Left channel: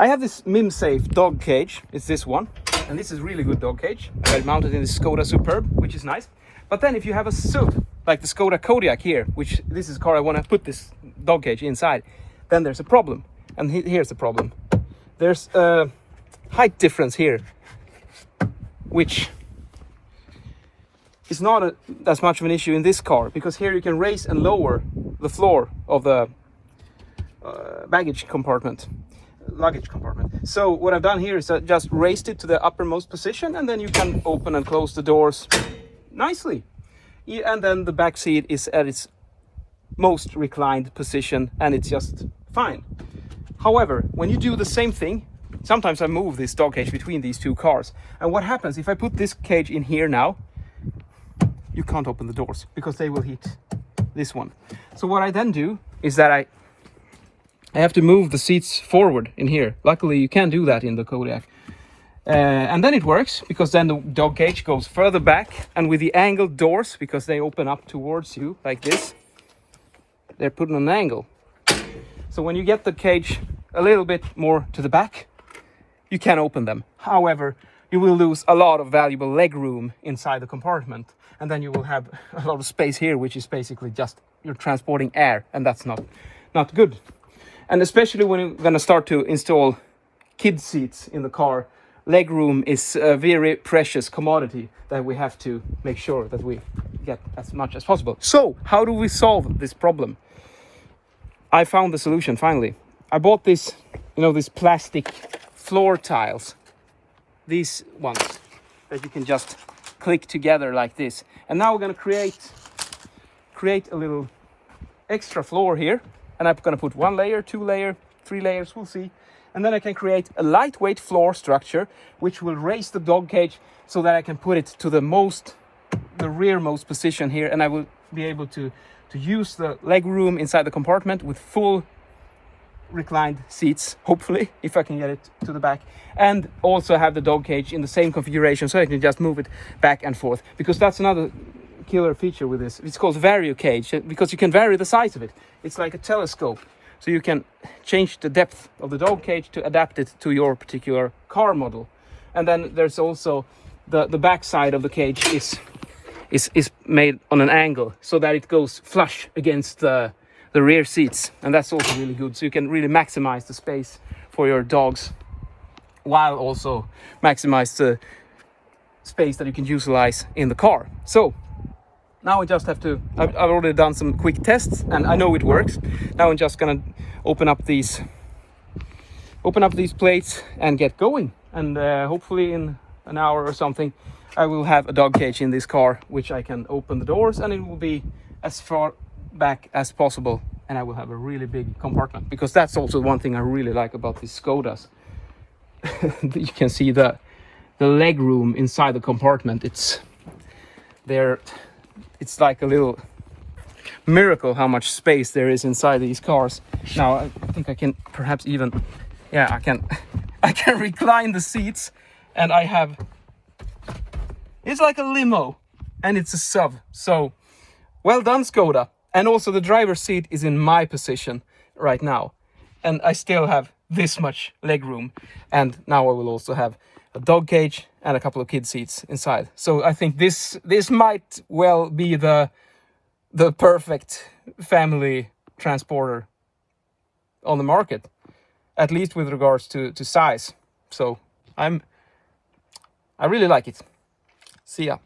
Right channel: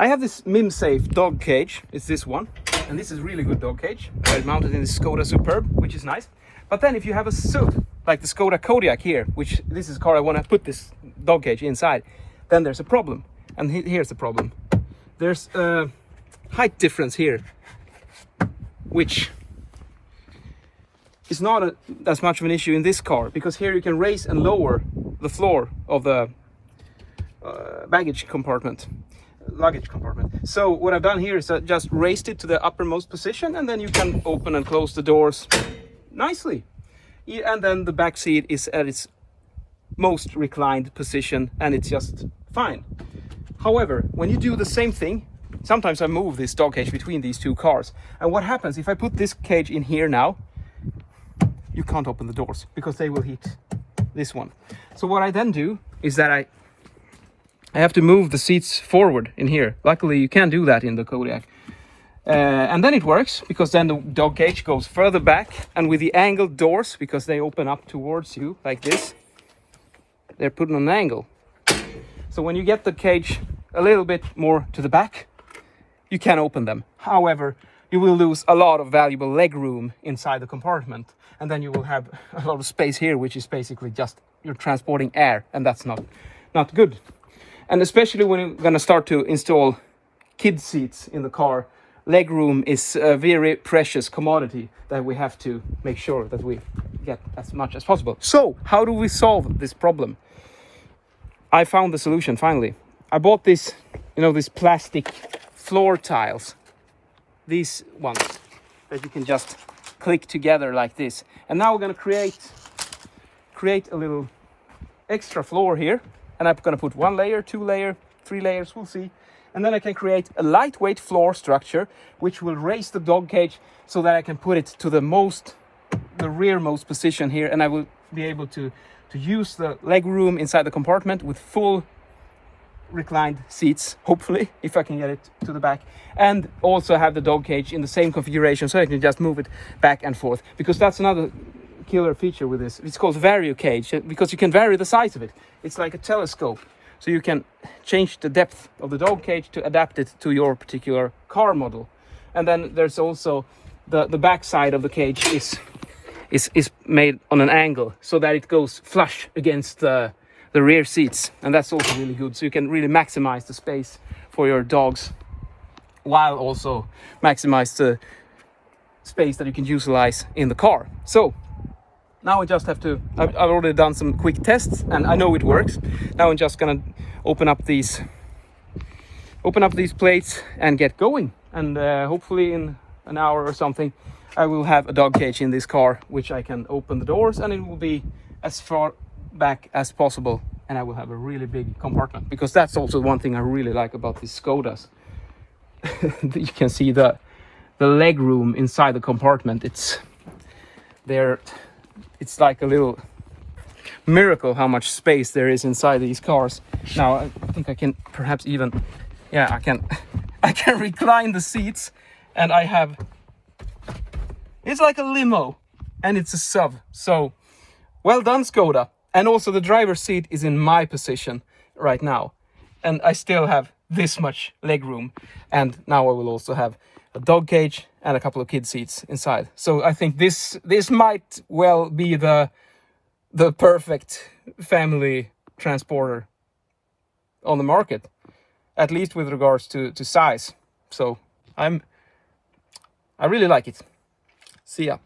I have this Mimsafe dog cage. It's this one, and this is really good dog cage. I had it mounted in the Skoda Superb, which is nice. But then if you have a SUV, like the Skoda Kodiaq here, which this is a car I want to put this dog cage inside, then there's a problem. And here's the problem. There's a height difference here, which is not as much of an issue in this car, because here you can raise and lower the floor of the luggage compartment. So what I've done here is I just raised it to the uppermost position, and then you can open and close the doors nicely. And then the back seat is at its most reclined position, and it's just fine. However, when you do the same thing, sometimes I move this dog cage between these two cars, and what happens if I put this cage in here now, you can't open the doors because they will hit this one. So what I then do is that I have to move the seats forward in here. Luckily you can do that in the Kodiaq. And then it works, because then the dog cage goes further back, and with the angled doors, because they open up towards you like this, they're put on an angle. So when you get the cage a little bit more to the back, you can open them. However, you will lose a lot of valuable leg room inside the compartment, and then you will have a lot of space here, which is basically just you're transporting air, and that's not good. And especially when you're going to start to install kid seats in the car, leg room is a very precious commodity that we have to make sure that we get as much as possible. So how do we solve this problem? I found the solution finally. I bought this, these plastic floor tiles. These ones that you can just click together like this. And now we're going to create a little extra floor here. And I'm going to put 1 layer, 2 layer, 3 layers, we'll see. And then I can create a lightweight floor structure, which will raise the dog cage so that I can put it to the rearmost position here. And I will be able to use the leg room inside the compartment with full reclined seats, hopefully, if I can get it to the back, and also have the dog cage in the same configuration, so I can just move it back and forth, because that's another killer feature with this. It's called Variocage, because you can vary the size of it. It's like a telescope, so you can change the depth of the dog cage to adapt it to your particular car model. And then there's also the back side of the cage is made on an angle, so that it goes flush against the rear seats, and that's also really good, so you can really maximize the space for your dogs, while also maximize the space that you can utilize in the car. So now I just have to, I've already done some quick tests, and I know it works. Now I'm just gonna open up these plates and get going, and hopefully in an hour or something I will have a dog cage in this car, which I can open the doors, and it will be as far back as possible, and I will have a really big compartment, because that's also one thing I really like about these Skodas. You can see the leg room inside the compartment. It's like a little miracle how much space there is inside these cars. Now I think I can perhaps even, yeah, I can recline the seats, and it's like a limo, and it's a SUV. So well done, Skoda. And also the driver's seat is in my position right now, and I still have this much leg room, and now I will also have a dog cage and a couple of kid seats inside. So I think this might well be the perfect family transporter on the market, at least with regards to size. So I really like it. See ya.